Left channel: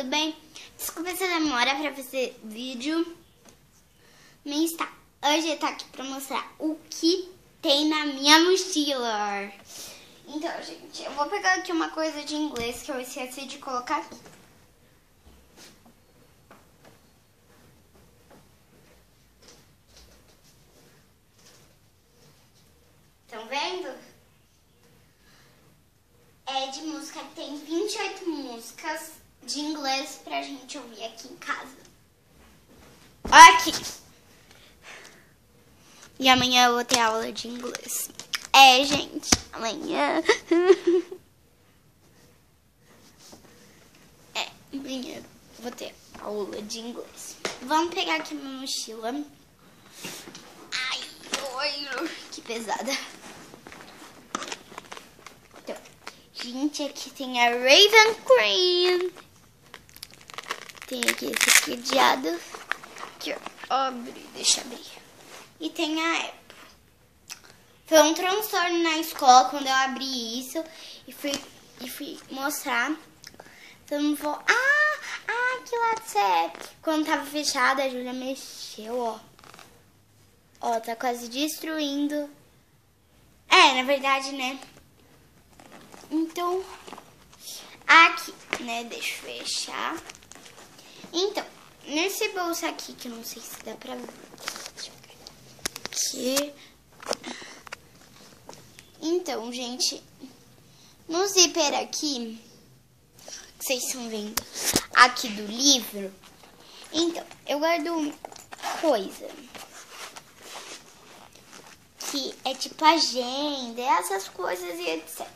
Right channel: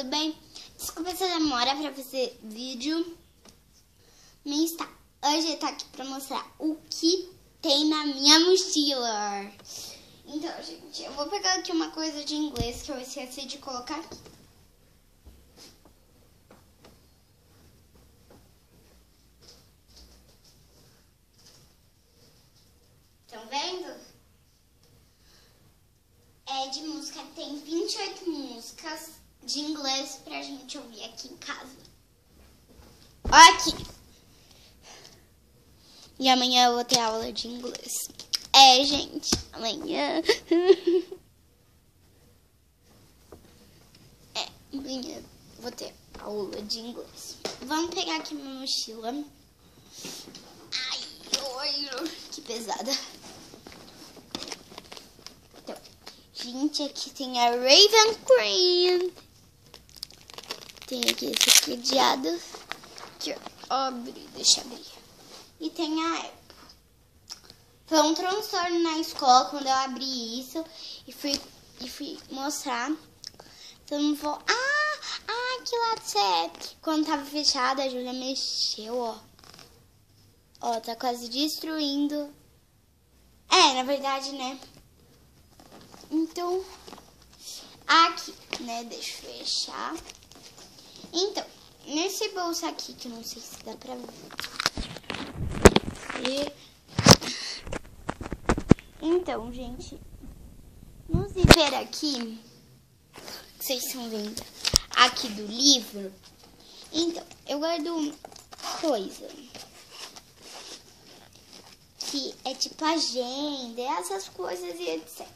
tudo bem? Desculpa se eu demora pra fazer vídeo. Mas tá, hoje eu tô aqui pra mostrar o que tem na minha mochila. Então, gente, eu vou pegar aqui uma coisa de inglês que eu esqueci de colocar aqui. Estão vendo? É de música, tem 28 músicas de inglês pra gente ouvir aqui em casa. Olha aqui. E amanhã eu vou ter aula de inglês. É, gente, amanhã. Amanhã vou ter aula de inglês. Vamos pegar aqui minha mochila. Ai, que pesada. Então, gente, aqui tem a Raven Cream. Tem aqui esse cadeado. Aqui, ó, deixa eu ver. E tem a Apple. Foi um transtorno na escola quando eu abri isso e fui mostrar. Então vou... que lado você é? Quando tava fechado, a Júlia mexeu, ó. Ó, tá quase destruindo. É, na verdade, né? Então, aqui, né? Deixa eu fechar. Então, nesse bolso aqui, que eu não sei se dá pra ver. Aqui. Então, gente, no zíper aqui, vocês estão vendo aqui do livro. Então, eu guardo uma coisa que é tipo agenda, essas coisas e etc.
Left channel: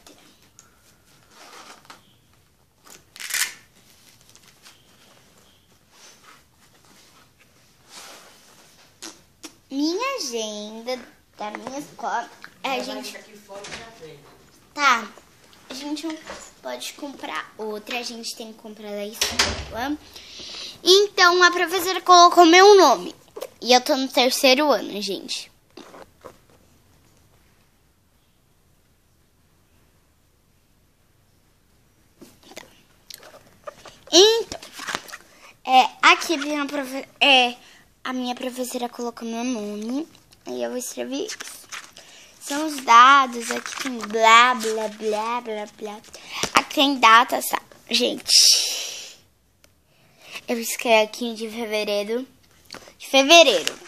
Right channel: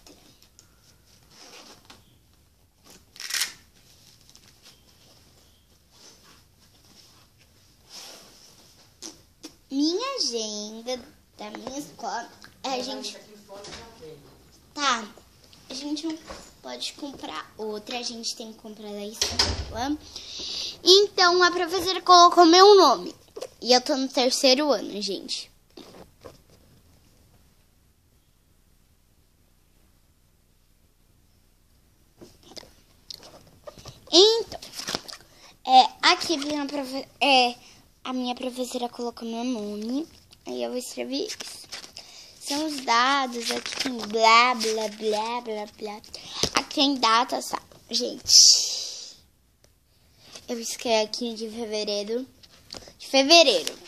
Minha agenda da minha escola Tá, a gente pode comprar outra, a gente tem que comprar da escola. Então, a professora colocou meu nome. E eu tô no 3º ano, gente. Tá. Então, aqui a minha professora colocou meu nome. Aí eu vou escrever isso. São os dados, aqui tem blá, blá, blá, blá, blá. Aqui tem data, sabe? Gente, eu escrevi aqui de fevereiro.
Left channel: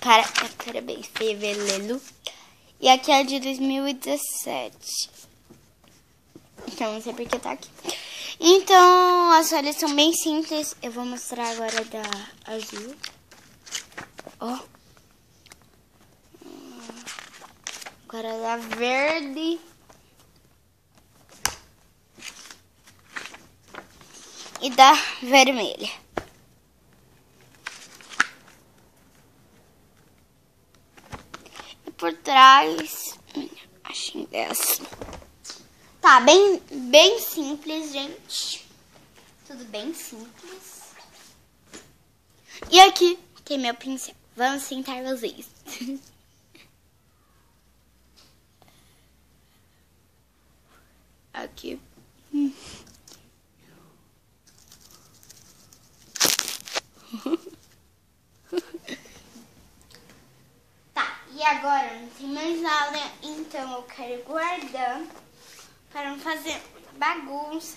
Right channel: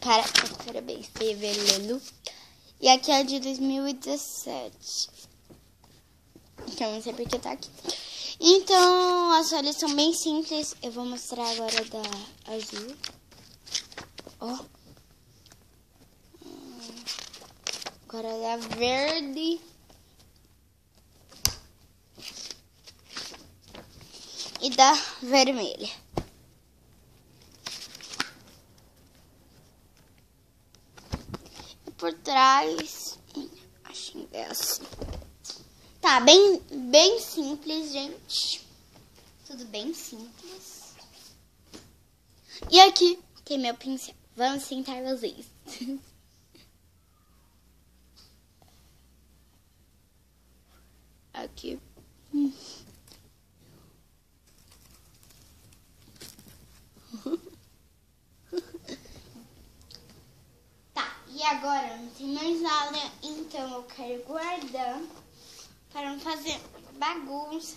Parabéns, fevereiro. E aqui é de 2017. Então, não sei porque tá aqui. Então, as folhas são bem simples. Eu vou mostrar agora da azul. Ó. Agora da verde. E da vermelha. E por trás, acho que é assim. Tá, bem simples, gente. Tudo bem simples. E aqui tem meu pincel. Vamos sentar vocês. Aqui. Tá, e agora não tem mais aula, então eu quero guardar para não fazer bagunça.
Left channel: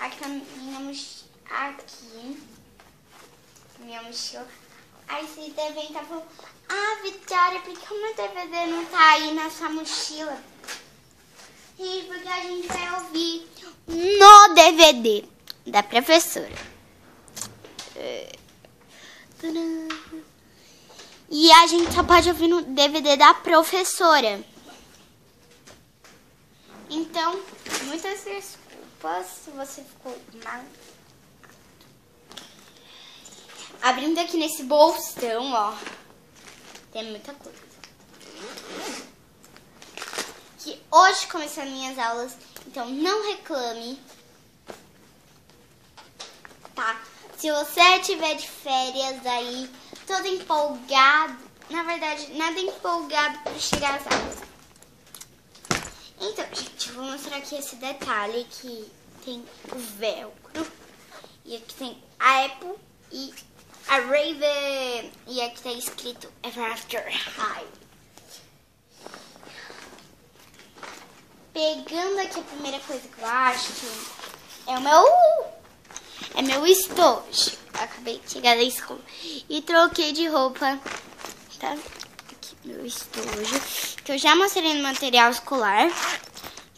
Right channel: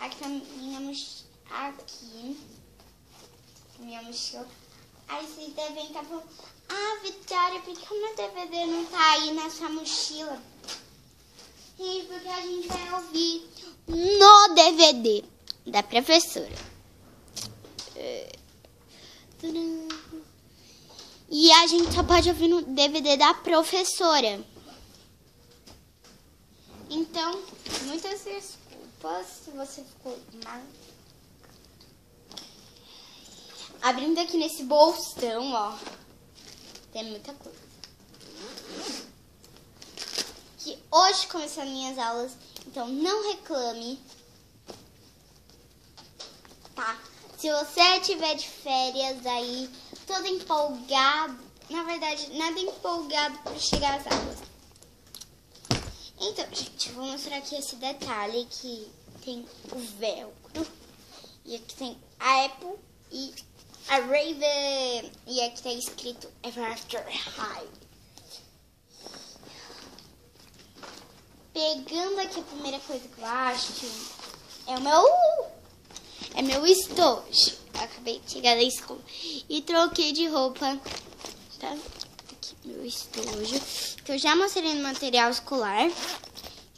Aqui minha mochila. Aí vocês devem estar falando, Vitória, por que o meu DVD não tá aí na sua mochila? Gente, porque a gente vai ouvir no DVD da professora. E a gente só pode ouvir no DVD da professora. Então, muitas desculpas se você ficou mal. Abrindo aqui nesse bolsão, ó. Tem muita coisa. Que hoje começaram minhas aulas, então não reclame, tá? Se você tiver de férias aí, todo empolgado, na verdade, nada empolgado para chegar às aulas. Então, gente, eu vou mostrar aqui esse detalhe que tem o velcro tem a Apple e a Raven. E aqui tá escrito Ever After High. Pegando aqui a primeira coisa que eu acho que é o meu estojo. Acabei de chegar da escola e troquei de roupa, tá? Aqui meu estojo, que eu já mostrei no material escolar.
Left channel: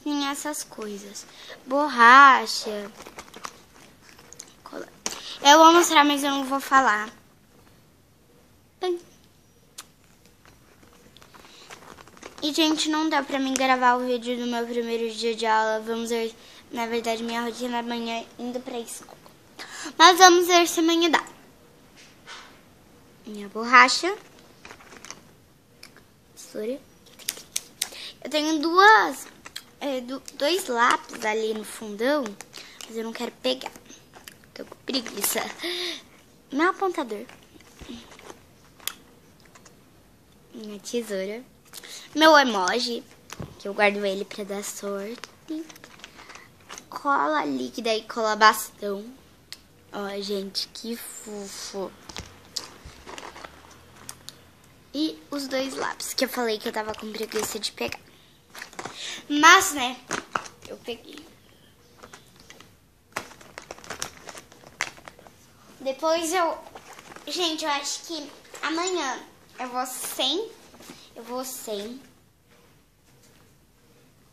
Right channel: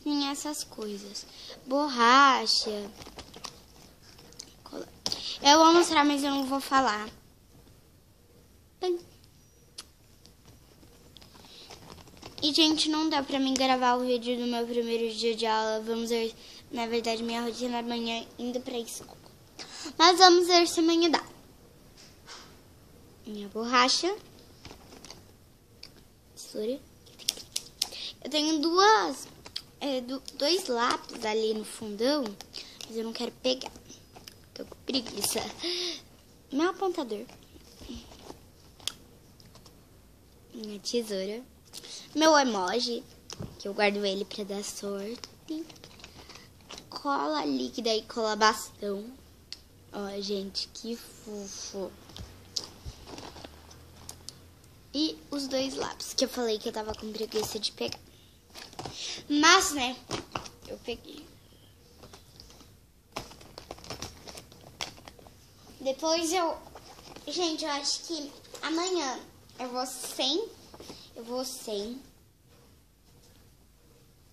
Tem essas coisas, borracha, cola. Eu vou mostrar, mas eu não vou falar. E, gente, não dá pra mim gravar o vídeo do meu primeiro dia de aula. Vamos ver, na verdade, minha rotina amanhã indo pra escola. Mas vamos ver se amanhã dá. Minha borracha. Tesoura. Eu tenho dois lápis ali no fundão, mas eu não quero pegar. Tô com preguiça. Meu apontador. Minha tesoura. Meu emoji, que eu guardo ele pra dar sorte. Cola líquida e cola bastão. Ó, gente, que fofo. E os dois lápis, que eu falei que eu tava com preguiça de pegar. Mas, né, eu peguei. Depois Gente, eu acho que amanhã eu vou sem.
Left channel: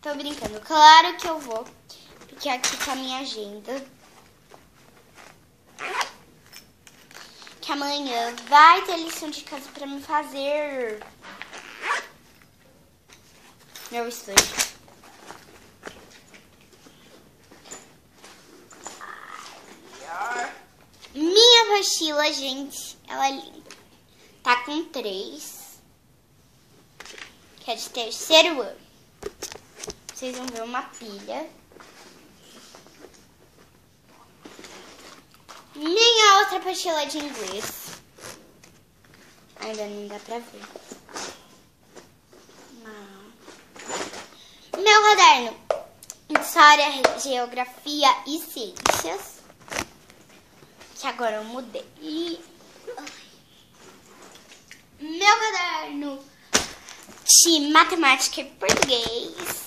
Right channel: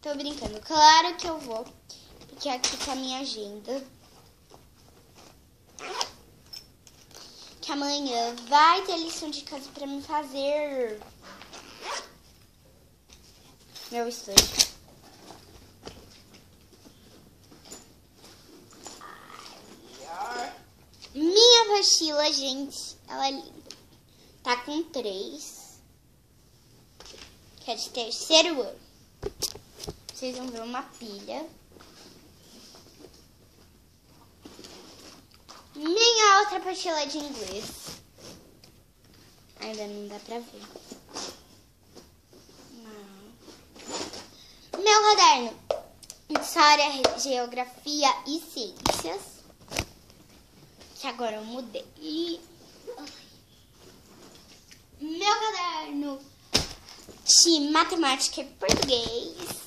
Tô brincando. Claro que eu vou. Porque aqui tá a minha agenda. Que amanhã vai ter lição de casa pra me fazer. Meu estojo. Minha mochila, gente, ela é linda. Tá com 3. Que é de terceiro ano. Vocês vão ver uma pilha. Minha outra mochila de inglês. Ainda não dá pra ver. Meu caderno. História, geografia e ciências. Que agora eu mudei. Meu caderno de matemática e português.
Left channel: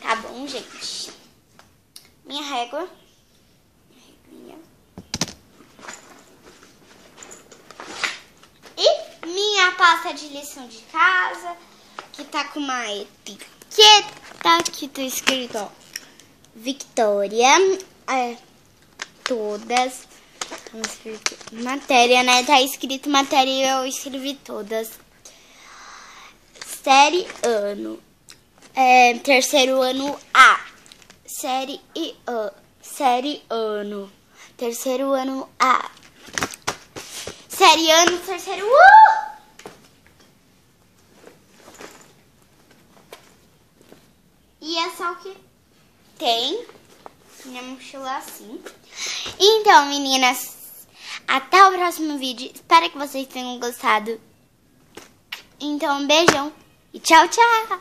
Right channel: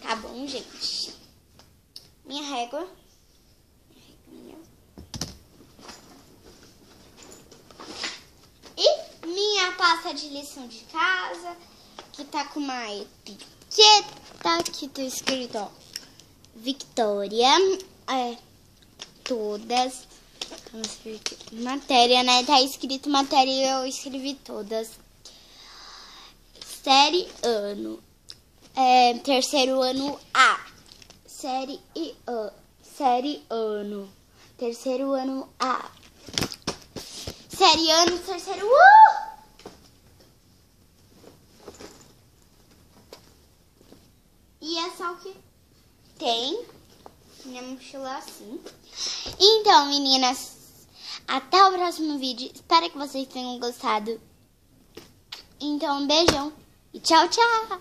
Tá bom, gente? Minha régua. E minha pasta de lição de casa, que tá com uma etiqueta que tá escrito, ó, Victoria. Todas. Matéria, né? Tá escrito matéria e eu escrevi todas. Série ano. Terceiro ano A. Série ano. Terceiro ano A. Série ano, terceiro E é só o que tem. Minha mochila assim. Então, meninas, até o próximo vídeo. Espero que vocês tenham gostado. Então, um beijão e tchau, tchau!